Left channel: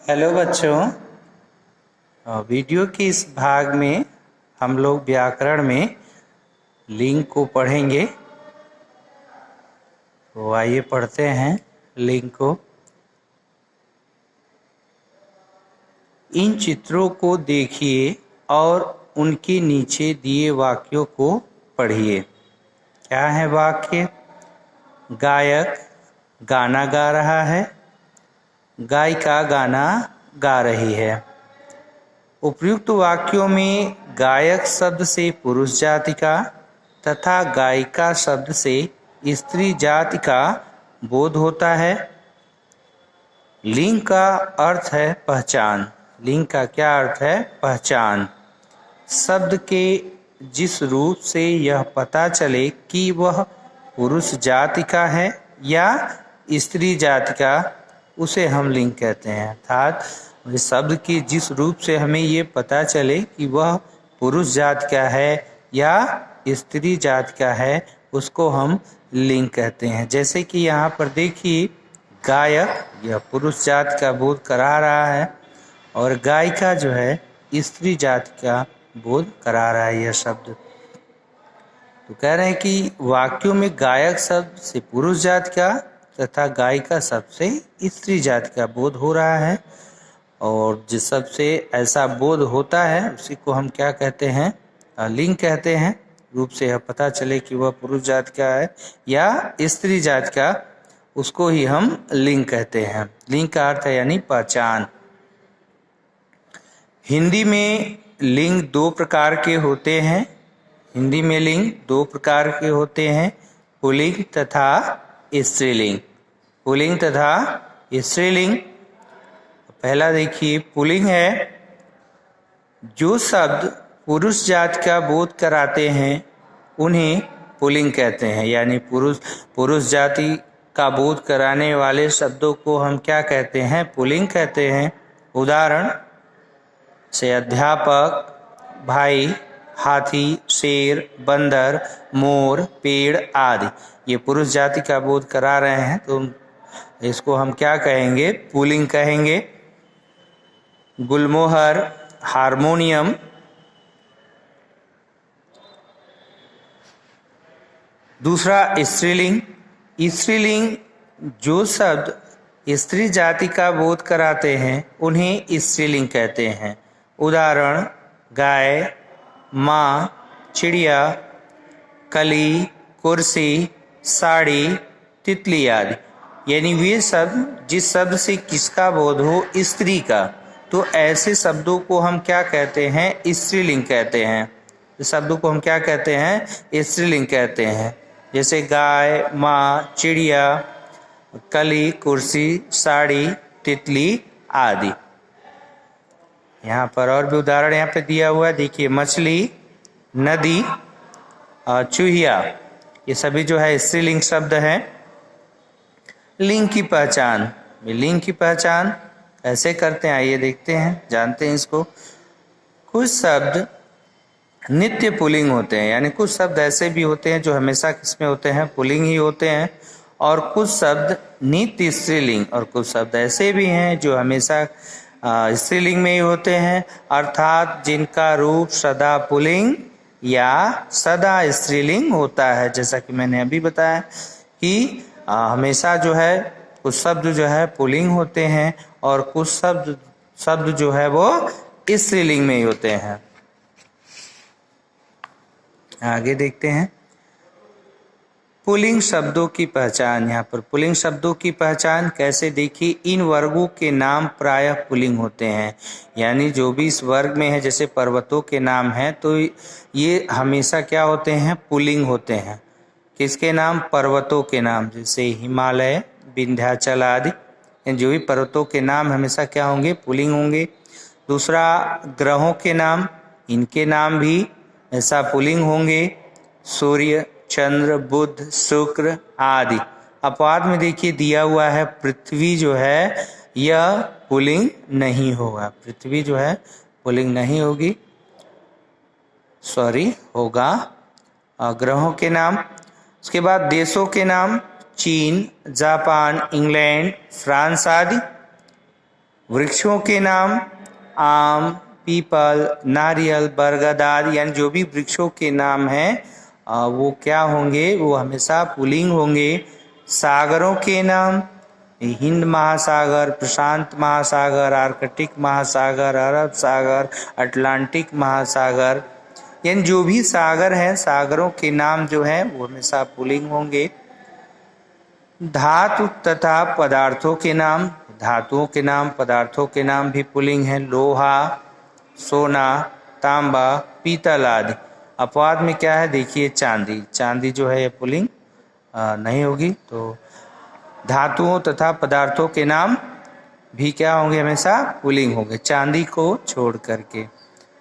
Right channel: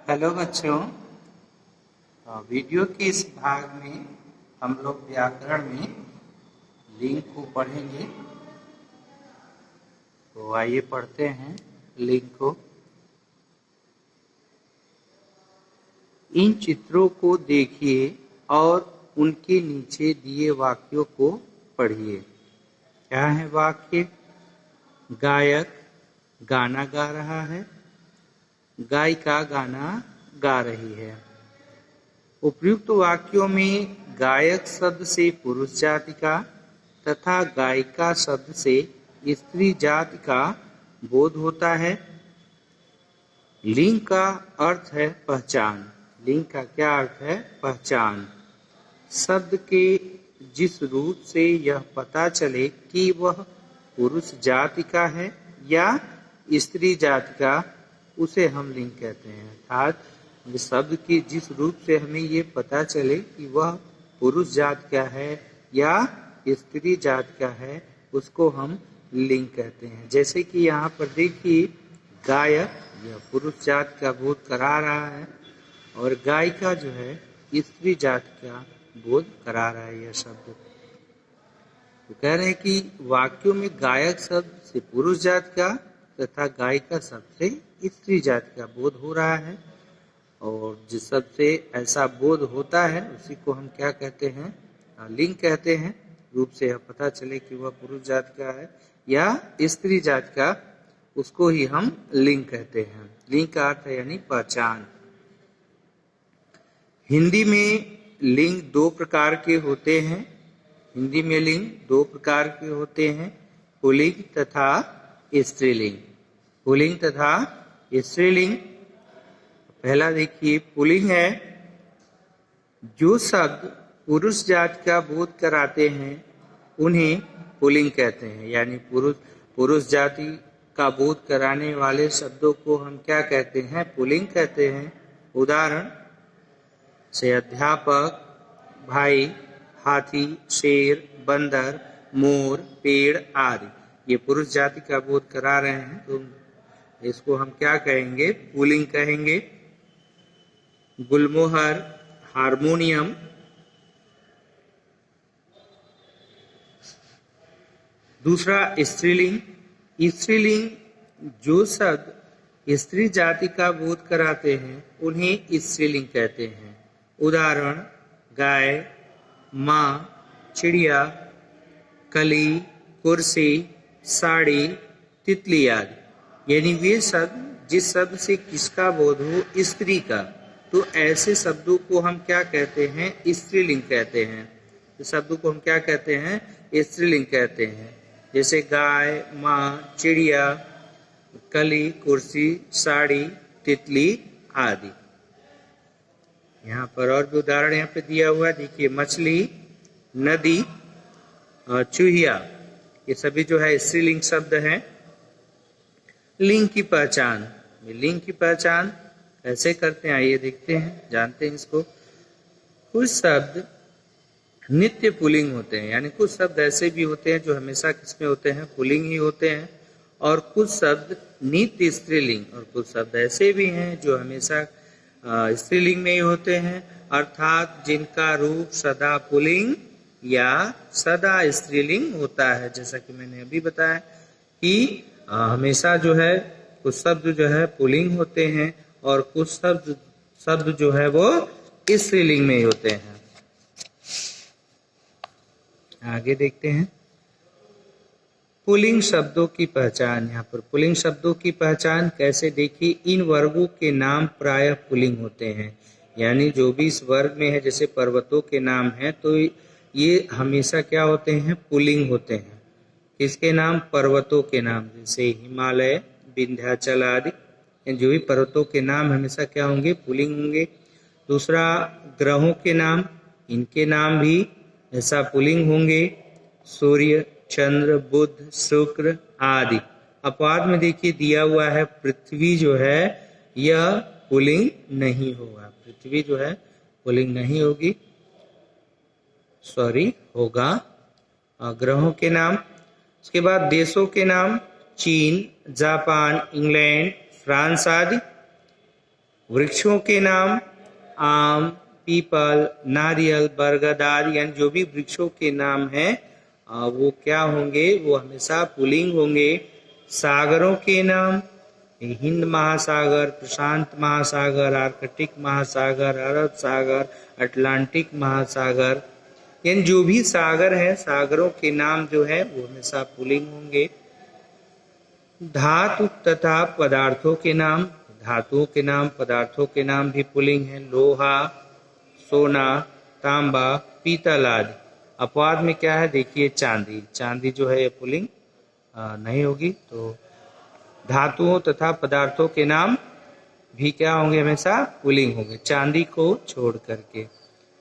Hello बच्चों। Video के इस भाग में हम लोग व्याकरण में लिंग को पढ़ेंगे। तो आइए पढ़ते हैं लिंग को। इन चित्रों को देखिए और उनके नीचे दिए वाक्यों को पढ़िए। क्या है वाक्य? गायक गाना गा रहा है, गायिका गाना गा रही है। उपयुक्त वाक्यों में गायक शब्द से पुरुष जाति का तथा गायिका शब्द से स्त्री जाति का बोध होता है। लिंग का अर्थ है पहचान। लिंग का क्या अर्थ है? पहचान। शब्द के जिस रूप से यह पता चले कि वह पुरुष जाति का है या स्त्री जाति का, उसे हम लिंग कहते हैं। अर्थात शब्द के जिस रूप से हमें ये पता चले कि वह पुरुष जाति का है या स्त्री जाति का है, उसको हम लिंग कहते हैं। जैसे कि यहाँ पर देखिए, गायक यह पुरुष जाति का बोध करा रहा है और गायिका जो है स्त्री जाति का बोध करा रहा है। यह शब्द तो कह रहे हैं कि वाक्यों में गायक शब्द से पुरुष जाति का तथा गायिका शब्द से स्त्री जाति का बोध हो रहा है। और जिस शब्द से ऐसा बोध होता है उसी को हम क्या कहते हैं? लिंग कहते हैं। रूप से यह पता चले कि वह पुरुष जाति का है या स्त्री जाति का, उसको ही हम लिंग कहते हैं। लिंग का अर्थ है यानी पहचान। हिंदी में लिंग दो प्रकार के होते हैं। हिंदी में लिंग दो प्रकार के होते हैं, पुल्लिंग तथा स्त्रीलिंग। पुल्लिंग तथा स्त्रीलिंग। पहला देखिए, पुल्लिंग है जो शब्द पुरुष जाति का बोध कराते हैं उन्हें पुल्लिंग कहते हैं। यानी पुरुष जाति का बोध कराने वाले शब्दों को हम क्या कहते हैं? पुल्लिंग कहते हैं। उदाहरण से अध्यापक, भाई, हाथी, शेर, बंदर, मोर, पेड़ आदि ये पुरुष जाति का बोध करा रहे हैं, तो इसको हम क्या कहेंगे? पुल्लिंग कहेंगे। गुलमोहर, हारमोनियम। दूसरा स्त्रीलिंग। स्त्रीलिंग जो शब्द स्त्री जाति का बोध कराते हैं उन्हें स्त्रीलिंग कहते हैं। उदाहरण गाय, माँ, चिड़िया, कली, कुर्सी, साड़ी, तितली आदि। यानी वे शब्द जिस शब्द से किसका बोध हो? स्त्री का, तो ऐसे शब्दों को हम क्या कहते हैं? स्त्रीलिंग कहते हैं। इस शब्दों को हम क्या कहते हैं? स्त्रीलिंग कहते हैं। जैसे गाय, माँ, चिड़िया, कली, कुर्सी, साड़ी, तितली आदि। यहाँ पर और भी उदाहरण यहाँ पे दिया हुआ है। देखिए, मछली, नदी और चूहिया, ये सभी जो है स्त्रीलिंग शब्द हैं। लिंग की पहचान। लिंग की पहचान ऐसे करते हैं, आइए देखते हैं, जानते हैं इसको। कुछ शब्द नित्य पुल्लिंग होते हैं, यानी कुछ शब्द ऐसे भी होते हैं जो हमेशा किसमें होते हैं? पुल्लिंग ही होते हैं। और कुछ शब्द नित्य स्त्रीलिंग, और कुछ शब्द ऐसे भी हैं जो हमेशा स्त्रीलिंग में ही होते हैं, अर्थात जिनका रूप सदा पुल्लिंग या सदा स्त्रीलिंग होता है। जैसा कि मैंने अभी बताया कि हमेशा जो है कुछ शब्द जो है पुल्लिंग होते हैं और कुछ शब्द जो है वो स्त्रीलिंग में ही होते हैं। आगे देखते हैं पुल्लिंग शब्दों की पहचान। यहाँ पर पुल्लिंग शब्दों की पहचान कैसे? देखिए, इन वर्गों के नाम प्रायः पुल्लिंग होते हैं। यानी जो भी इस वर्ग में है, जैसे पर्वतों के नाम हैं, तो ये हमेशा क्या होते हैं? पुल्लिंग होते हैं। किसके नाम? पर्वतों के नाम, जैसे हिमालय, विंध्याचल आदि। जो भी पर्वतों के नाम हमेशा क्या होंगे? पुल्लिंग होंगे। दूसरा, ग्रहों के नाम, इनके नाम भी ऐसा पुल्लिंग होंगे। सूर्य, चंद्र, बुध, शुक्र आदि। अपवाद में देखिए दिया हुआ है पृथ्वी जो है यह पुल्लिंग नहीं होगा। पृथ्वी जो है पुल्लिंग नहीं होगी, होगा। ग्रहों के नाम। उसके बाद देशों के नाम, चीन, जापान, इंग्लैंड, फ्रांस आदि। वृक्षों के नाम आम, पीपल, नारियल, बरगद आदि, यानी जो भी वृक्षों के नाम हैं वो क्या होंगे, वो हमेशा पुल्लिंग होंगे। सागरों के नाम हिंद महासागर, प्रशांत महासागर, आर्कटिक महासागर, अरब सागर, अटलांटिक महासागर, यानी जो भी सागर हैं सागरों के नाम जो हैं वो हमेशा पुल्लिंग होंगे। धातु तथा पदार्थों के नाम, धातुओं के नाम, पदार्थों के नाम भी पुल्लिंग हैं। लोहा, सोना, तांबा, पीतल आदि। अपवाद में क्या है, देखिए चांदी, चांदी जो है ये पुल्लिंग नहीं होगी। तो धातुओं तथा पदार्थों के नाम भी क्या होंगे, हमेशा पुल्लिंग होंगे, चांदी को छोड़ करके।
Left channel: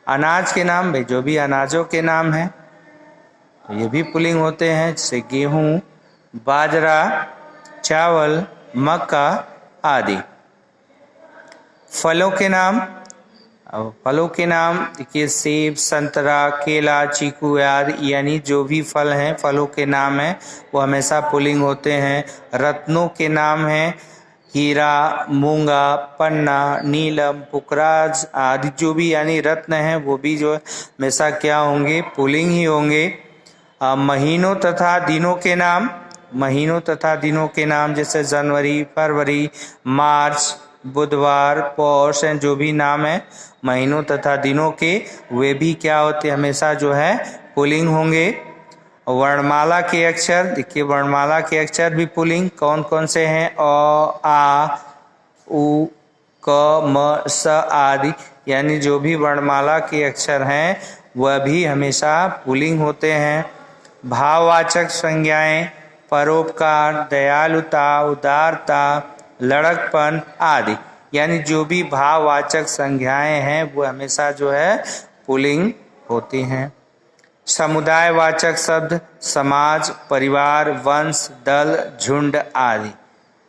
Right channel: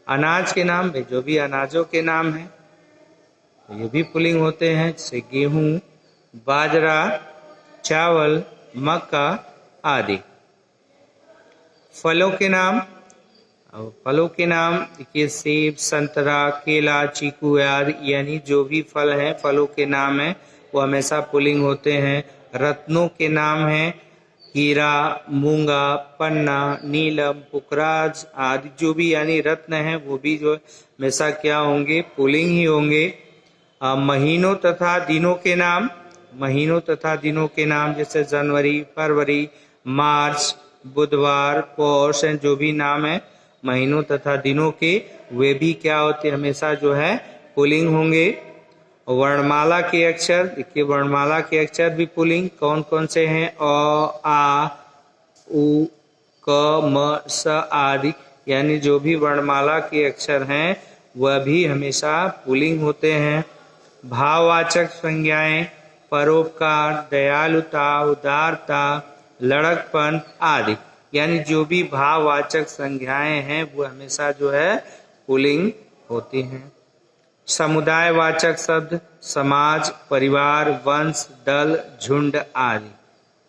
अनाज के नाम, भाई जो भी अनाजों के नाम हैं तो ये भी पुल्लिंग होते हैं, जैसे गेहूं, बाजरा, चावल, मक्का आदि। फलों के नाम, अब फलों के नाम देखिए सेब, संतरा, केला, चीकू आदि, यानी जो भी फल हैं फलों के नाम हैं वो हमेशा पुल्लिंग होते हैं। रत्नों के नाम हैं हीरा, मूंगा, पन्ना, नीलम, पुखराज आदि, जो भी यानी रत्न हैं वो भी जो हमेशा क्या होंगे, पुल्लिंग ही होंगे। महीनों तथा दिनों के नाम, महीनों तथा दिनों के नाम जैसे जनवरी, फरवरी, मार्च, बुधवार, पौष, जो भी नाम है महीनों तथा दिनों के, वे भी क्या होते हमेशा जो है पुल्लिंग होंगे। वर्णमाला के अक्षर, देखिए वर्णमाला के अक्षर भी पुल्लिंग कौन कौन से हैं, अ, आ, उ, क, म, स आदि, यानी जो भी वर्णमाला के अक्षर हैं वह भी हमेशा पुल्लिंग होते हैं। भाववाचक संज्ञाएं परोपकार, दयालुता, उदारता, लड़कपन आदि, यानी जो भी भाववाचक संज्ञाएं हैं वो हमेशा जो है पुल्लिंग होती हैं। समुदायवाचक शब्द समाज, परिवार, वंश, दल, झुंड आदि,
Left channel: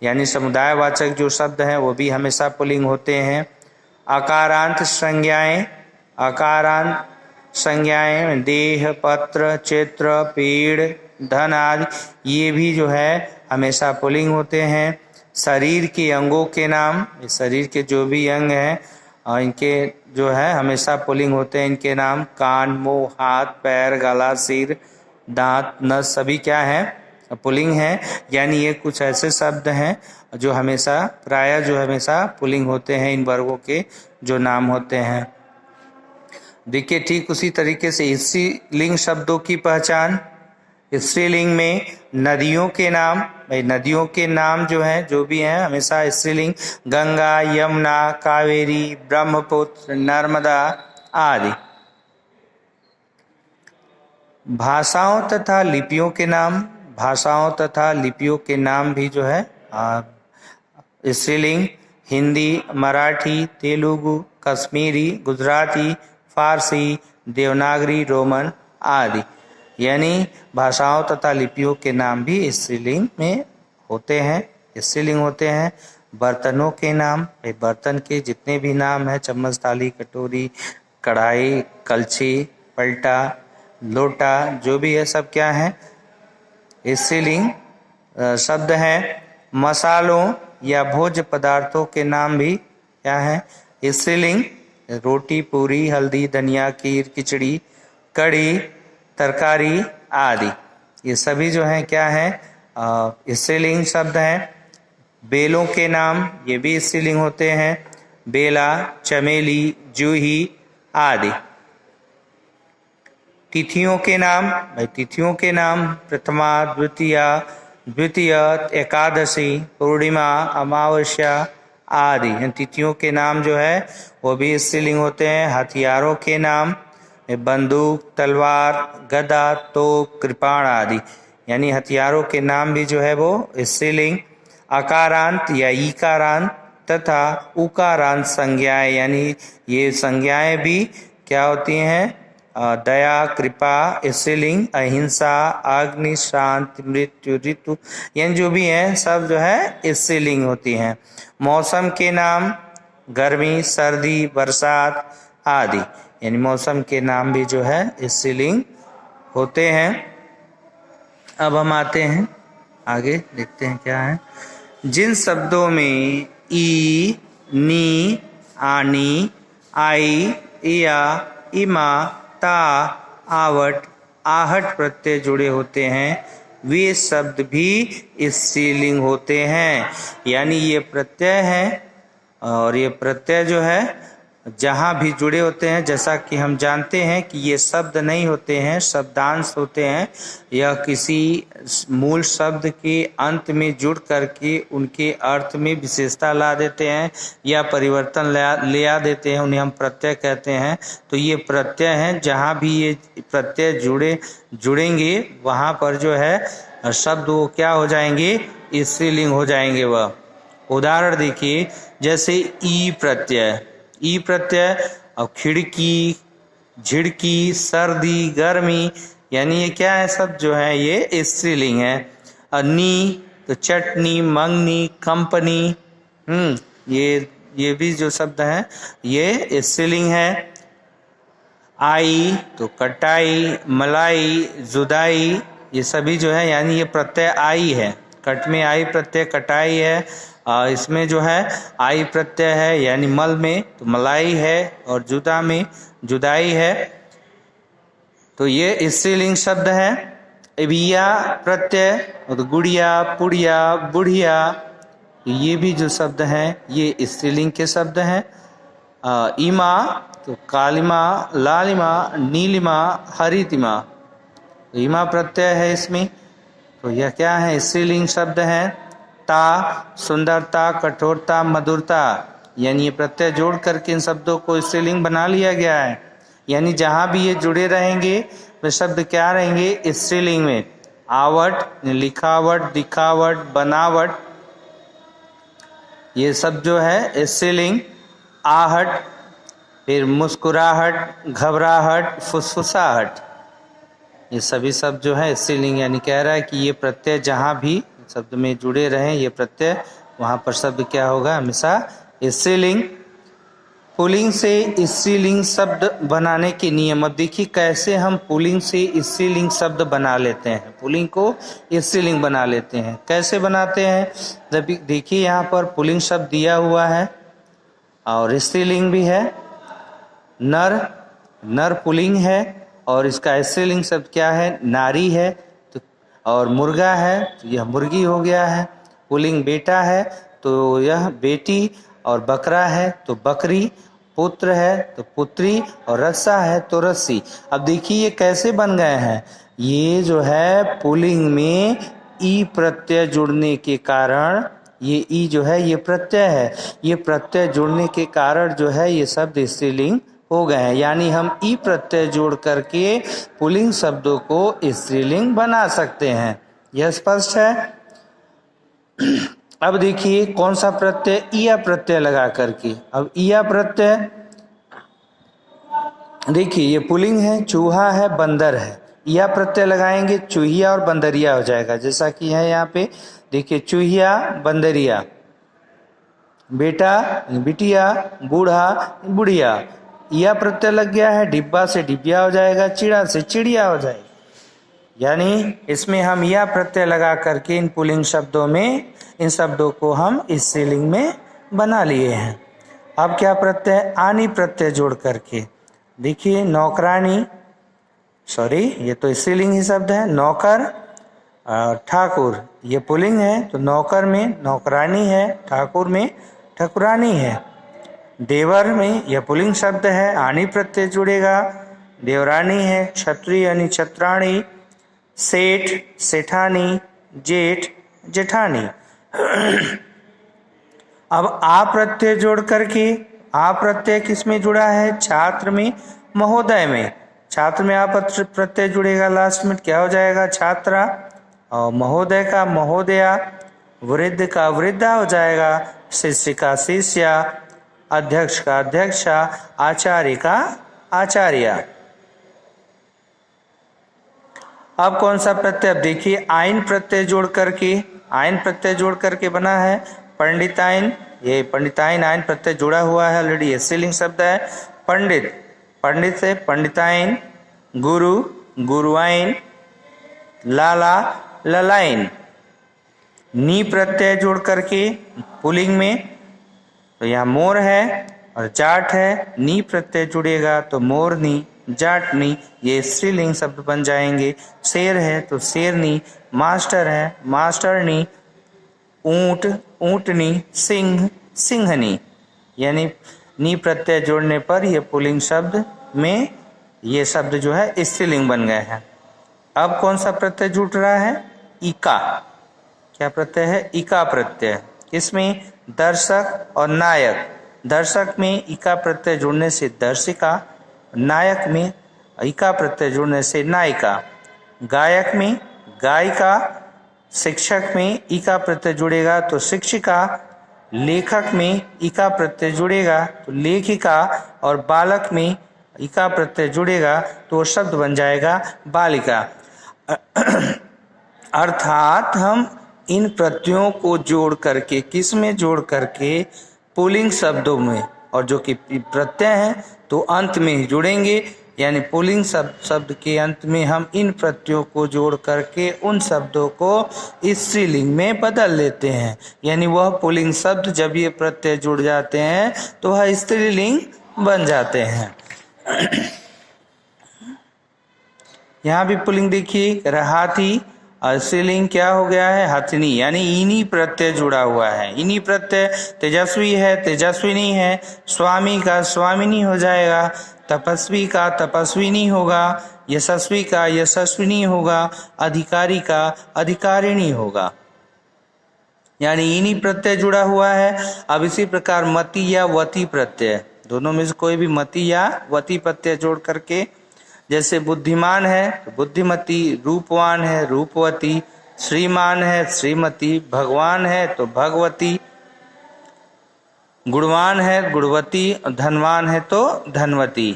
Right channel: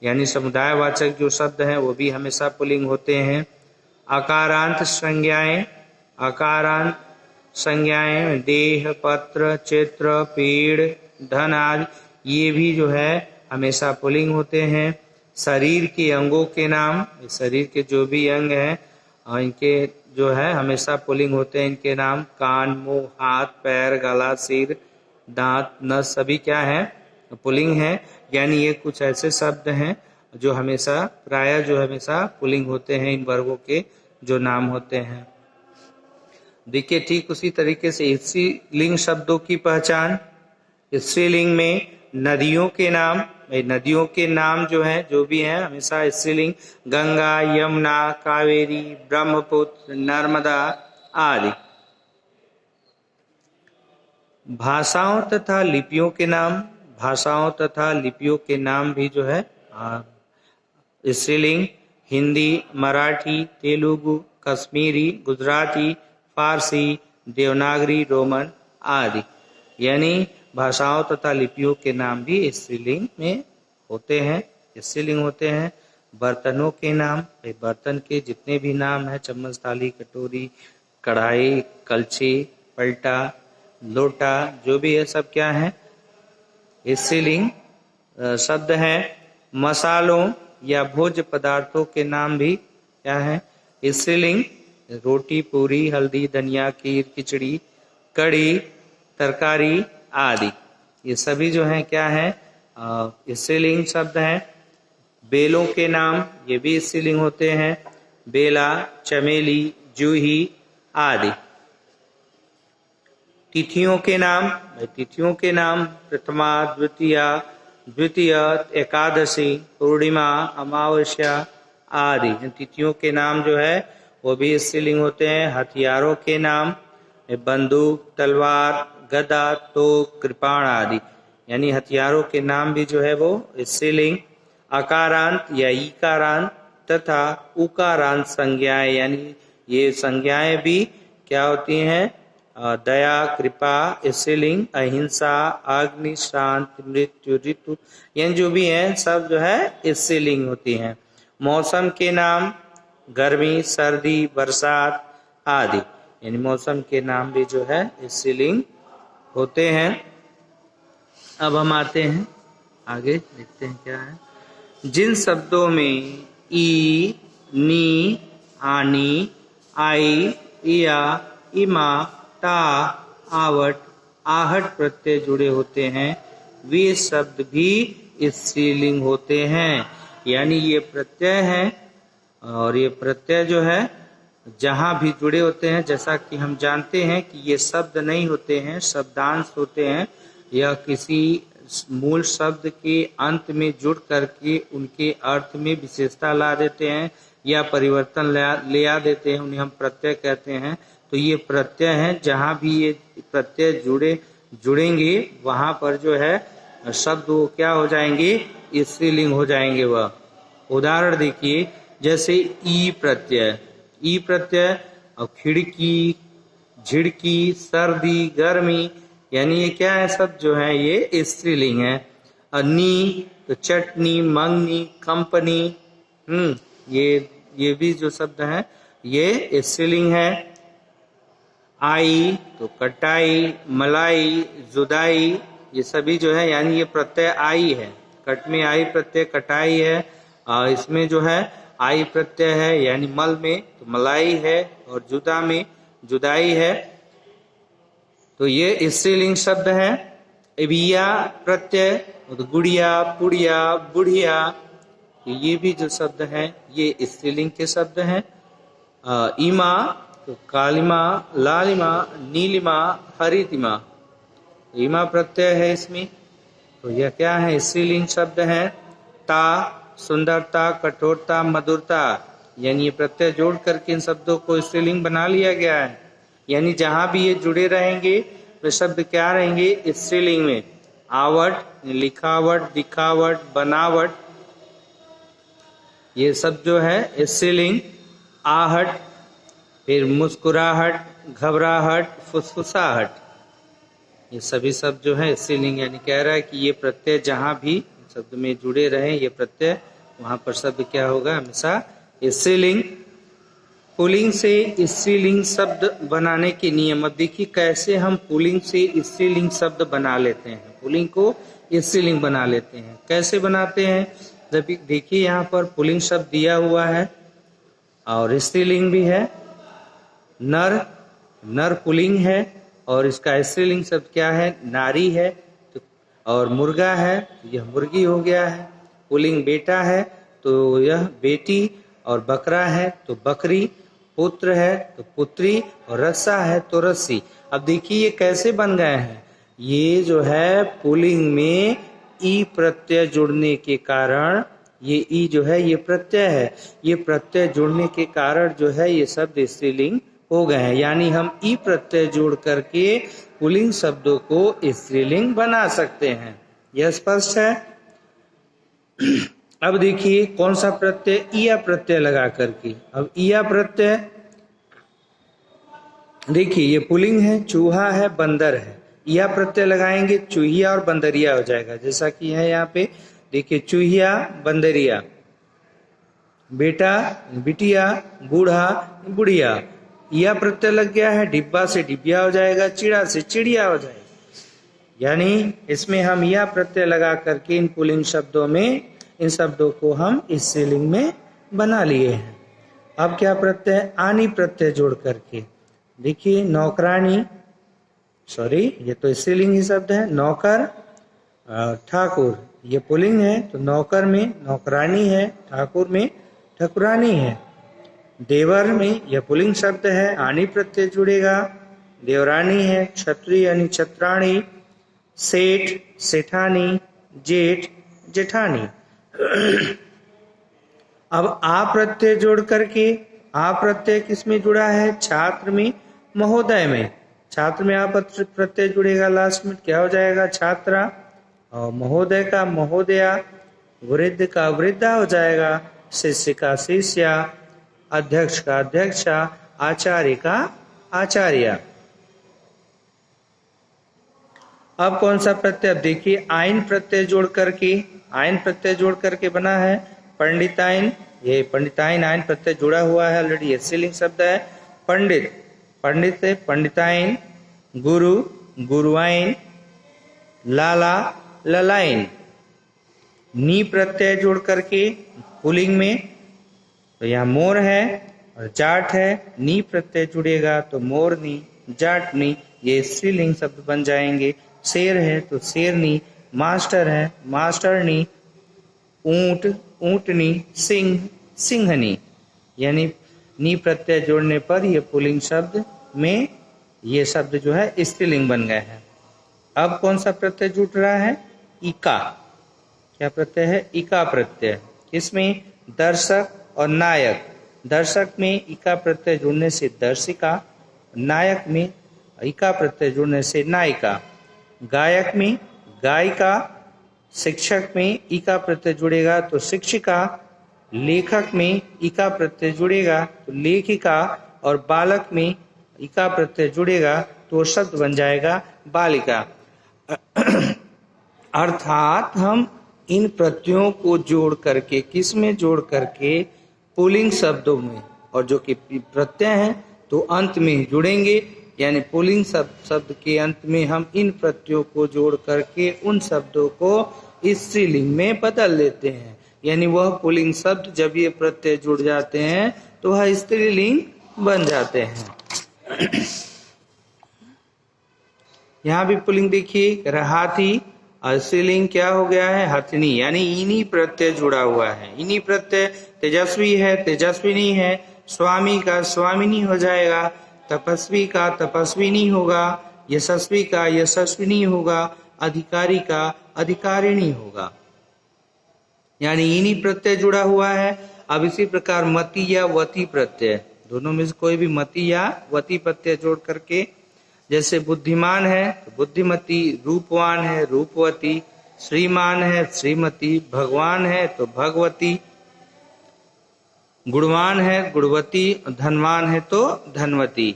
यानी समुदायवाचक जो शब्द हैं वो भी हमेशा पुल्लिंग होते हैं। अकारांत संज्ञाएं, अकारांत संज्ञाएं देह, पत्र, चित्र, पेड़, धन आदि, ये भी जो है हमेशा पुल्लिंग होते हैं। शरीर के अंगों के नाम, शरीर के जो भी अंग हैं इनके जो है हमेशा पुल्लिंग होते हैं, इनके नाम कान, मुंह, हाथ, पैर, गला, सिर, दांत, नस सभी क्या है पुल्लिंग है। यानी ये कुछ ऐसे शब्द हैं जो हमेशा प्रायः जो हमेशा पुल्लिंग होते हैं, इन वर्गों के जो नाम होते हैं। देखिए ठीक उसी तरीके से स्त्रीलिंग शब्दों की पहचान, स्त्रीलिंग में नदियों के नाम, भाई नदियों के नाम जो हैं जो भी हैं हमेशा स्त्रीलिंग, गंगा, यमुना, कावेरी, ब्रह्मपुत्र, नर्मदा आदि। भाषाओं तथा लिपियों के नाम, भाषाओं तथा लिपियों के नाम भी जो है स्त्रीलिंग, हिंदी, मराठी, तेलुगु, कश्मीरी, गुजराती, फारसी, देवनागरी, रोमन आदि, यानी भाषाओं तथा लिपियों के नाम भी स्त्रीलिंग में होते हैं, स्त्रीलिंग होते हैं। बर्तनों के नाम, बर्तन के जितने भी नाम हैं चम्मच, थाली, कटोरी, कढ़ाई, कलछी, पलटा, लोटा, जो भी है सब क्या है स्त्रीलिंग शब्द हैं। मसालों या भोज्य पदार्थों के नाम भी क्या है स्त्रीलिंग, रोटी, पूरी, हल्दी, धनिया, खीर, खिचड़ी, कड़ी, तरकारी आदि, ये सभी जो हैं क्या है स्त्रीलिंग शब्द हैं। बेलों के नाम, ये भी स्त्रीलिंग होते हैं, बेला, चमेली, जूही आदि। तिथियों के नाम, भाई तिथियों के नाम प्रथमा, द्वितीया, द्वितीय, एकादशी, पूर्णिमा, अमावस्या आदि, तिथियों के नाम जो है वो भी स्त्रीलिंग होते हैं। हथियारों के नाम बंदूक, तलवार, गदा, तोप, कृपाण आदि, यानी हथियारों के नाम भी जो है वो स्त्रीलिंग। अकारांत या ईकारांत तथा उकारांत संज्ञाएं, यानी ये संज्ञाएं भी क्या होती हैं दया, कृपा स्त्रीलिंग, अहिंसा, अग्नि, शांति, मृत्यु, ऋतु, यानी जो भी हैं सब जो है स्त्रीलिंग होती हैं। मौसम के नाम गर्मी, सर्दी, बरसात आदि, यानी मौसम के नाम भी जो है स्त्रीलिंग होते हैं। अब हम आते हैं आगे, देखते हैं क्या है। जिन शब्दों में ई, नी, आनी, आई, इया, इमा, ता, आवट, आहट प्रत्यय जुड़े होते हैं, वे शब्द भी स्त्रीलिंग होते हैं। यानी ये प्रत्यय है और ये प्रत्यय जो है जहां भी जुड़े होते हैं, जैसा कि हम जानते हैं कि ये शब्द नहीं होते हैं, शब्दांश होते हैं। यह किसी मूल शब्द के अंत में जुड़ करके उनके अर्थ में विशेषता ला देते हैं या परिवर्तन ले आ देते हैं, उन्हें हम प्रत्यय कहते हैं। तो ये प्रत्यय हैं, जहां भी ये प्रत्यय जुड़ेंगे वहां पर जो है शब्द वो क्या हो जाएंगे, स्त्रीलिंग हो जाएंगे। वह उदाहरण देखिए, जैसे ई प्रत्यय, ई प्रत्यय और खिड़की, झिड़की, सर्दी, गर्मी, यानी ये क्या है, सब जो है ये स्त्रीलिंग है। नी तो चटनी, मंगनी, कंपनी, ये भी जो शब्द हैं ये स्त्रीलिंग है। आई तो कटाई, मलाई, जुदाई, ये सभी जो है यानी ये प्रत्यय आई है। कट में आई प्रत्यय कटाई है, इसमें जो है आई प्रत्यय है यानी मल में तो मलाई है, और जुदा में जुदाई है। तो ये स्त्रीलिंग शब्द है। इबिया प्रत्यय तो गुड़िया, पुड़िया, बुढ़िया, ये भी जो शब्द हैं ये स्त्रीलिंग के शब्द हैं। इमा तो कालिमा, लालिमा, नीलिमा, हरितिमा, इमा प्रत्यय है इसमें, तो यह क्या है, स्त्रीलिंग शब्द है। ता सुंदरता, कठोरता, मधुरता, यानी ये प्रत्यय जोड़ करके इन शब्दों को स्त्रीलिंग बना लिया गया है। यानी जहां भी ये जुड़े रहेंगे वे शब्द क्या रहेंगे, स्त्रीलिंग में। आवट, लिखावट, दिखावट, बनावट, ये सब जो है स्त्रीलिंग। आहट, फिर मुस्कुराहट, घबराहट, फुसफुसाहट, ये सभी शब्द जो है स्त्रीलिंग। यानी कह रहा है कि ये प्रत्यय जहां भी शब्द में जुड़े रहें ये प्रत्यय, वहां पर शब्द क्या होगा, हमेशा स्त्रीलिंग। पुल्लिंग से स्त्रीलिंग शब्द बनाने के नियम। अब देखिए कैसे हम पुल्लिंग से स्त्रीलिंग शब्द बना लेते हैं, पुल्लिंग को स्त्रीलिंग बना लेते हैं। कैसे बनाते हैं, जब देखिए यहाँ पर पुल्लिंग शब्द दिया हुआ है और स्त्रीलिंग भी है। नर पुल्लिंग है और इसका स्त्रीलिंग शब्द क्या है, नारी है। तो और मुर्गा है तो यह मुर्गी हो गया है। पुल्लिंग बेटा है तो यह बेटी, और बकरा है तो बकरी, पुत्र है तो पुत्री, और रस्सा है तो रस्सी। अब देखिए ये कैसे बन गए हैं, ये जो है पुल्लिंग में ई प्रत्यय जुड़ने के कारण, ये ई जो है ये प्रत्यय है, ये प्रत्यय जुड़ने के कारण जो है ये शब्द स्त्रीलिंग हो गए हैं। यानी हम ई प्रत्यय जोड़ करके पुल्लिंग शब्दों को स्त्रीलिंग बना सकते हैं। यह स्पष्ट है। अब देखिए कौन सा प्रत्यय, इया प्रत्यय लगा करके। अब इया प्रत्यय देखिए ये पुल्लिंग है, चूहा है, बंदर है, इया प्रत्यय लगाएंगे चूहिया और बंदरिया हो जाएगा। जैसा कि है यहाँ पे देखिए, चूहिया, बंदरिया, बेटा, बिटिया, बूढ़ा, बुढ़िया। इया प्रत्यय लग गया है, डिब्बा से डिबिया हो जाएगा, चिड़ा से चिड़िया हो जाएगा। यानी इसमें हम इया प्रत्यय लगा करके इन पुल्लिंग शब्दों में इन शब्दों को हम स्त्रीलिंग में बना लिए हैं। अब क्या प्रत्यय, आनी प्रत्यय जोड़ करके देखिए, नौकरानी, सॉरी ये तो स्त्रीलिंग ही शब्द है। नौकर और ठाकुर, ये पुल्लिंग है तो नौकर में नौकरानी है, ठाकुर में ठाकुरानी है। देवर में यह पुल्लिंग शब्द है, आनी प्रत्यय जुड़ेगा, देवरानी है। छत्री यानी छत्राणी, सेठ, सेठानी, जेठ, जेठानी। अब आ प्रत्यय जोड़ करके, आ प्रत्यय किसमें जुड़ा है, छात्र में, महोदय में। छात्र में आ प्रत्यय जुड़ेगा, लास्ट में क्या हो जाएगा, छात्रा, और महोदय का महोदया, वृद्ध का वृद्धा हो जाएगा, शिष्य का शिष्या, अध्यक्ष का अध्यक्षा, आचार्य का आचार्या। अब कौन सा प्रत्यय, अब देखिए आइन प्रत्यय जोड़ करके, आइन प्रत्यय जोड़ करके बना है पंडिताइन। ये पंडिताइन आइन प्रत्यय जुड़ा हुआ है ऑलरेडी, स्त्रीलिंग शब्द है। पंडित, पंडित से पंडिताइन, गुरु, गुरुआइन, लाला, ललाइन। नी प्रत्यय जोड़ करके पुल्लिंग में तो यहाँ मोर है और जाट है, नी प्रत्यय जुड़ेगा तो मोरनी, जाटनी, ये स्त्रीलिंग शब्द बन जाएंगे। शेर है तो शेरनी, मास्टर है मास्टरनी, ऊंट ऊंटनी, सिंह सिंहनी, यानी नी प्रत्यय जोड़ने पर ये पुल्लिंग शब्द में ये शब्द जो है स्त्रीलिंग बन गए हैं। अब कौन सा प्रत्यय जुड़ रहा है? इका। क्या प्रत्यय है? इका प्रत्यय। इसमें दर्शक और नायक, दर्शक में इका प्रत्यय जुड़ने से दर्शिका, नायक में इका प्रत्यय जुड़ने से नायिका, गायक में गायिका, शिक्षक में इका प्रत्यय जुड़ेगा तो शिक्षिका, लेखक में इका प्रत्यय जुड़ेगा तो लेखिका, और बालक में इका प्रत्यय जुड़ेगा तो शब्द बन जाएगा बालिका। अर्थात हम इन प्रत्ययों को जोड़ करके, किस में जोड़ करके? पुल्लिंग शब्दों में, और जो कि प्रत्यय हैं तो अंत में ही जुड़ेंगे, यानी पुल्लिंग शब्द के अंत में हम इन प्रत्ययों को जोड़ करके उन शब्दों को स्त्रीलिंग में बदल लेते हैं। यानी वह पुल्लिंग शब्द जब ये प्रत्यय जुड़ जाते हैं तो वह स्त्रीलिंग बन जाते हैं। यहाँ भी पुल्लिंग देखिए, हाथी, और स्त्रीलिंग क्या हो गया है? हथनी, यानी इनी प्रत्यय जुड़ा हुआ है। इनी प्रत्यय, तेजस्वी है तेजस्विनी है, स्वामी का स्वामिनी हो जाएगा, तपस्वी का तपस्विनी होगा, यशस्वी का यशस्विनी होगा, अधिकारी का अधिकारिणी होगा, यानी इनी प्रत्यय जुड़ा हुआ है। अब इसी प्रकार मति या वती प्रत्यय, दोनों में से कोई भी मति या वती प्रत्यय जोड़ करके, जैसे बुद्धिमान है तो बुद्धिमती, रूपवान है रूपवती, श्रीमान है श्रीमती, भगवान है तो भगवती, गुणवान है गुणवती, धनवान है तो धनवती,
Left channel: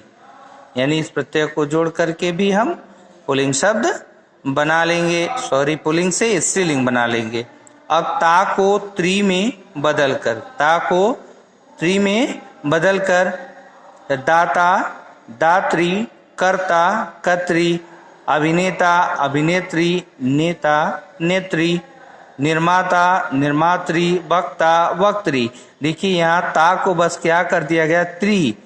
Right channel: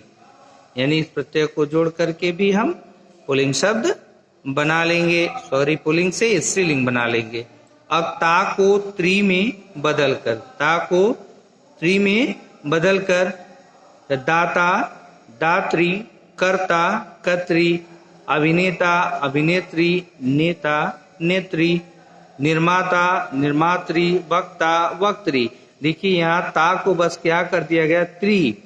यानी इस प्रत्यय को जोड़ करके भी हम पुल्लिंग शब्द बना लेंगे, पुल्लिंग से स्त्रीलिंग बना लेंगे। अब ता को त्रि में बदल कर, ता को त्रि में बदल कर दाता दात्री, कर्ता कर्त्री, अभिनेता अभिनेत्री, नेता नेत्री, निर्माता निर्मात्री, वक्ता वक्त्री। देखिए यहाँ ता को बस क्या कर दिया गया? त्रि।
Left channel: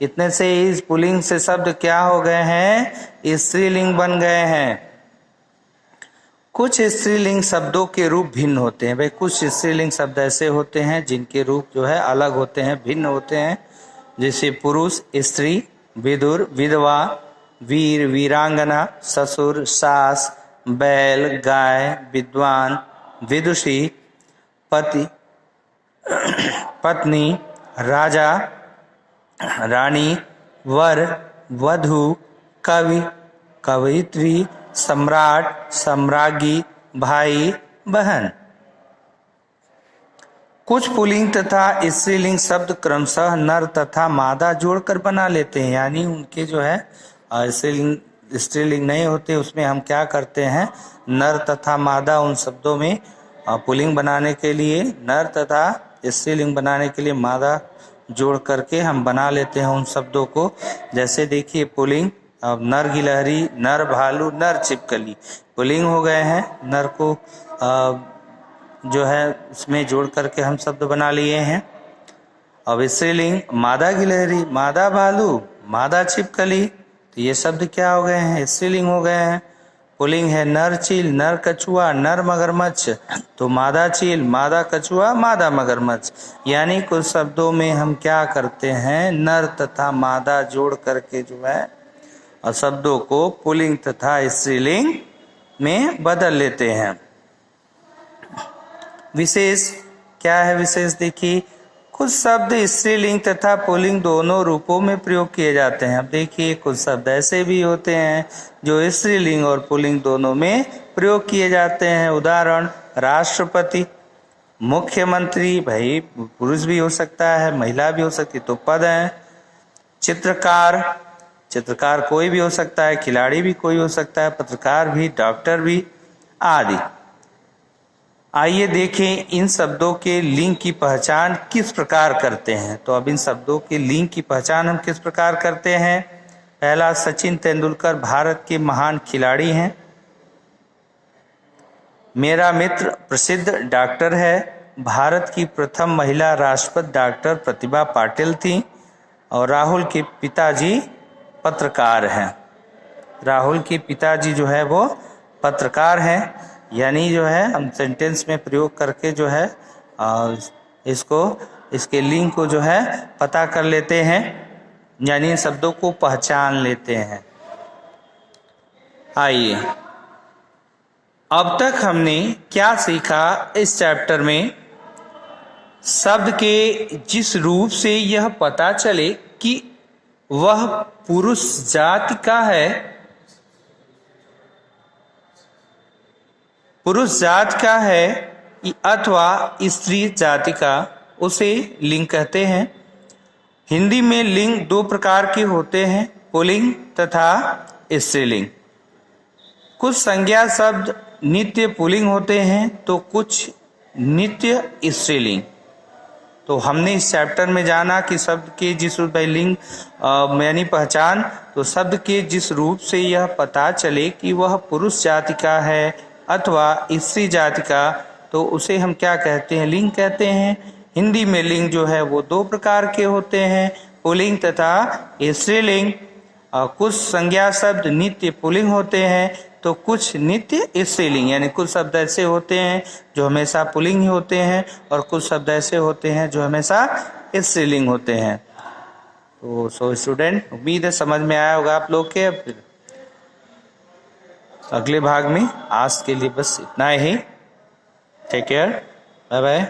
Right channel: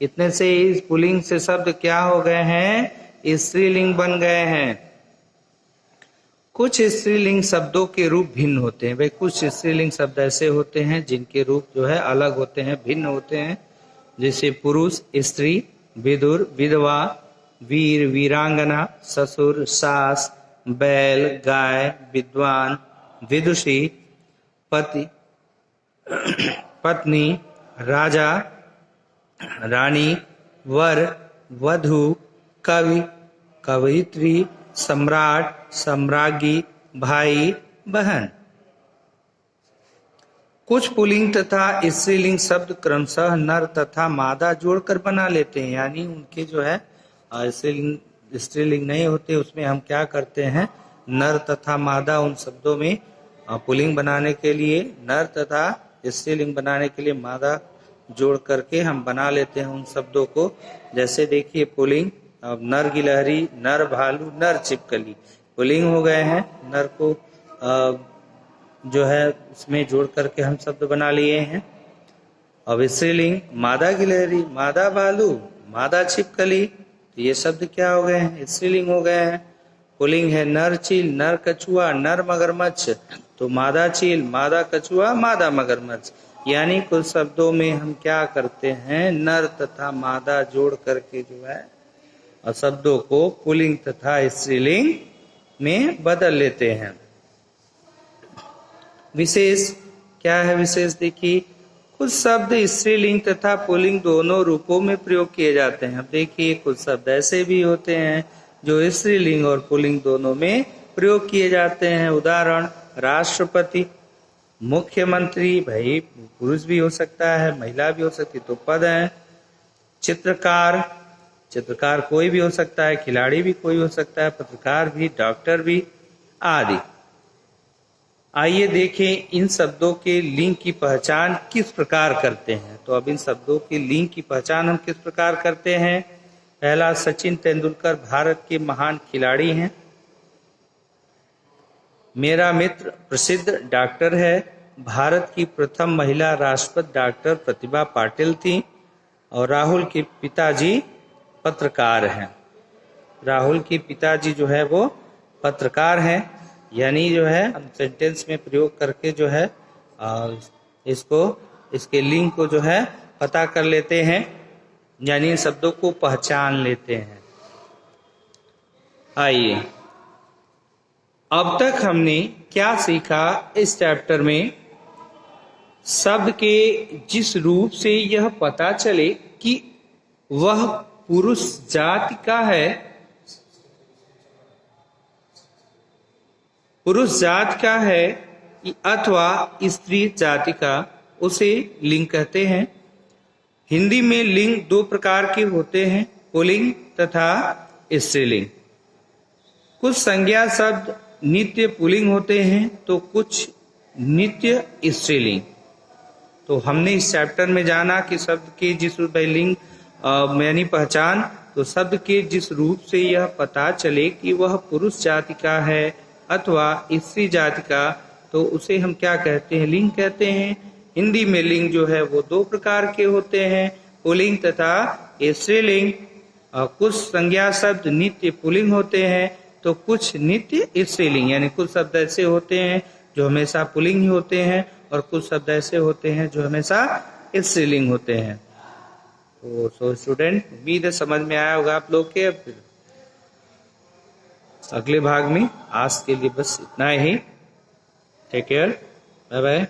इतने से इस पुल्लिंग से शब्द क्या हो गए हैं? स्त्रीलिंग बन गए हैं। कुछ स्त्रीलिंग शब्दों के रूप भिन्न होते हैं भाई, कुछ स्त्रीलिंग शब्द ऐसे होते हैं जिनके रूप जो है अलग होते हैं, भिन्न होते हैं, जैसे पुरुष स्त्री, विदुर विधवा, वीर वीरांगना, ससुर सास, बैल गाय, विद्वान विदुषी, पति पत्नी, राजा रानी, वर वधु, कवि कवयित्री, सम्राट सम्राज्ञी, भाई बहन। कुछ पुल्लिंग तथा स्त्रीलिंग शब्द क्रमशः नर तथा मादा जोड़कर बना लेते हैं, यानी उनके जो है स्त्रीलिंग नहीं होते, उसमें हम क्या करते हैं? नर तथा मादा उन शब्दों में पुल्लिंग बनाने के लिए, नर तथा स्त्रीलिंग बनाने के लिए मादा जोड़ करके हम बना लेते हैं उन शब्दों को। जैसे देखिए पुल्लिंग, अब नर गिलहरी, नर भालू, नर छिपकली पुल्लिंग हो गए हैं। नर को जो है उसमें जोड़ करके हम शब्द बना लिए हैं। अब स्त्रीलिंग मादा गिलहरी, मादा भालू, मादा छिपकली, तो ये शब्द क्या हो गए हैं? स्त्रीलिंग हो गए हैं। पुल्लिंग है नर चील, नर कछुआ, नर मगरमच्छ, तो मादा चील, मादा कछुआ, मादा मगरमच्छ, यानी कुछ शब्दों में हम क्या करते हैं? नर तथा मादा जोड़ करके जो है और शब्दों को पुल्लिंग तथा स्त्रीलिंग में बदल लेते हैं। विशेष क्या है? विशेष देखिए, कुछ शब्द स्त्रीलिंग तथा पुल्लिंग दोनों रूपों में प्रयोग किए जाते हैं। अब देखिए कुछ शब्द ऐसे भी होते हैं जो स्त्रीलिंग और पुल्लिंग दोनों में प्रयोग किए जाते हैं। उदाहरण, राष्ट्रपति, मुख्यमंत्री, भाई पुरुष भी हो सकता है महिला भी हो सकती है तो पद है। चित्रकार, चित्रकार कोई भी हो सकता है, खिलाड़ी भी कोई हो सकता है, पत्रकार भी, डॉक्टर भी आदि। आइए देखें इन शब्दों के लिंग की पहचान किस प्रकार करते हैं। तो अब इन शब्दों के लिंग की पहचान हम किस प्रकार करते हैं? पहला, सचिन तेंदुलकर भारत के महान खिलाड़ी हैं। मेरा मित्र प्रसिद्ध डॉक्टर है। भारत की प्रथम महिला राष्ट्रपति डॉक्टर प्रतिभा पाटिल थी और राहुल के पिताजी पत्रकार हैं। राहुल के पिताजी जो है वो पत्रकार हैं। यानी जो है हम सेंटेंस में प्रयोग करके जो है इसके लिंक को जो है पता कर लेते हैं, यानी इन शब्दों को पहचान लेते हैं। आइए, अब तक हमने क्या सीखा इस चैप्टर में? शब्द के जिस रूप से यह पता चले कि वह पुरुष जाति का है, पुरुष जाति का है अथवा स्त्री जाति का, उसे लिंग कहते हैं। हिंदी में लिंग दो प्रकार के होते हैं, पुल्लिंग तथा स्त्रीलिंग। कुछ संज्ञा शब्द नित्य पुल्लिंग होते हैं तो कुछ नित्य स्त्रीलिंग। तो हमने इस चैप्टर में जाना कि शब्द के जिस रूप लिंग यानी पहचान, तो शब्द के जिस रूप से यह पता चले कि वह पुरुष जाति का है अथवा स्त्री जाति का, तो उसे हम क्या कहते हैं? लिंग कहते हैं। हिंदी में लिंग जो है वो दो प्रकार के होते हैं, पुल्लिंग तथा स्त्रीलिंग। कुछ संज्ञा शब्द नित्य पुल्लिंग होते हैं तो कुछ नित्य स्त्रीलिंग, यानी कुछ शब्द ऐसे होते हैं जो हमेशा पुल्लिंग ही होते हैं और कुछ शब्द ऐसे होते हैं जो हमेशा स्त्रीलिंग होते हैं। तो सो स्टूडेंट, उम्मीद है समझ में आया होगा आप लोग के। अगले भाग में आज के लिए बस इतना ही। Take care, bye bye.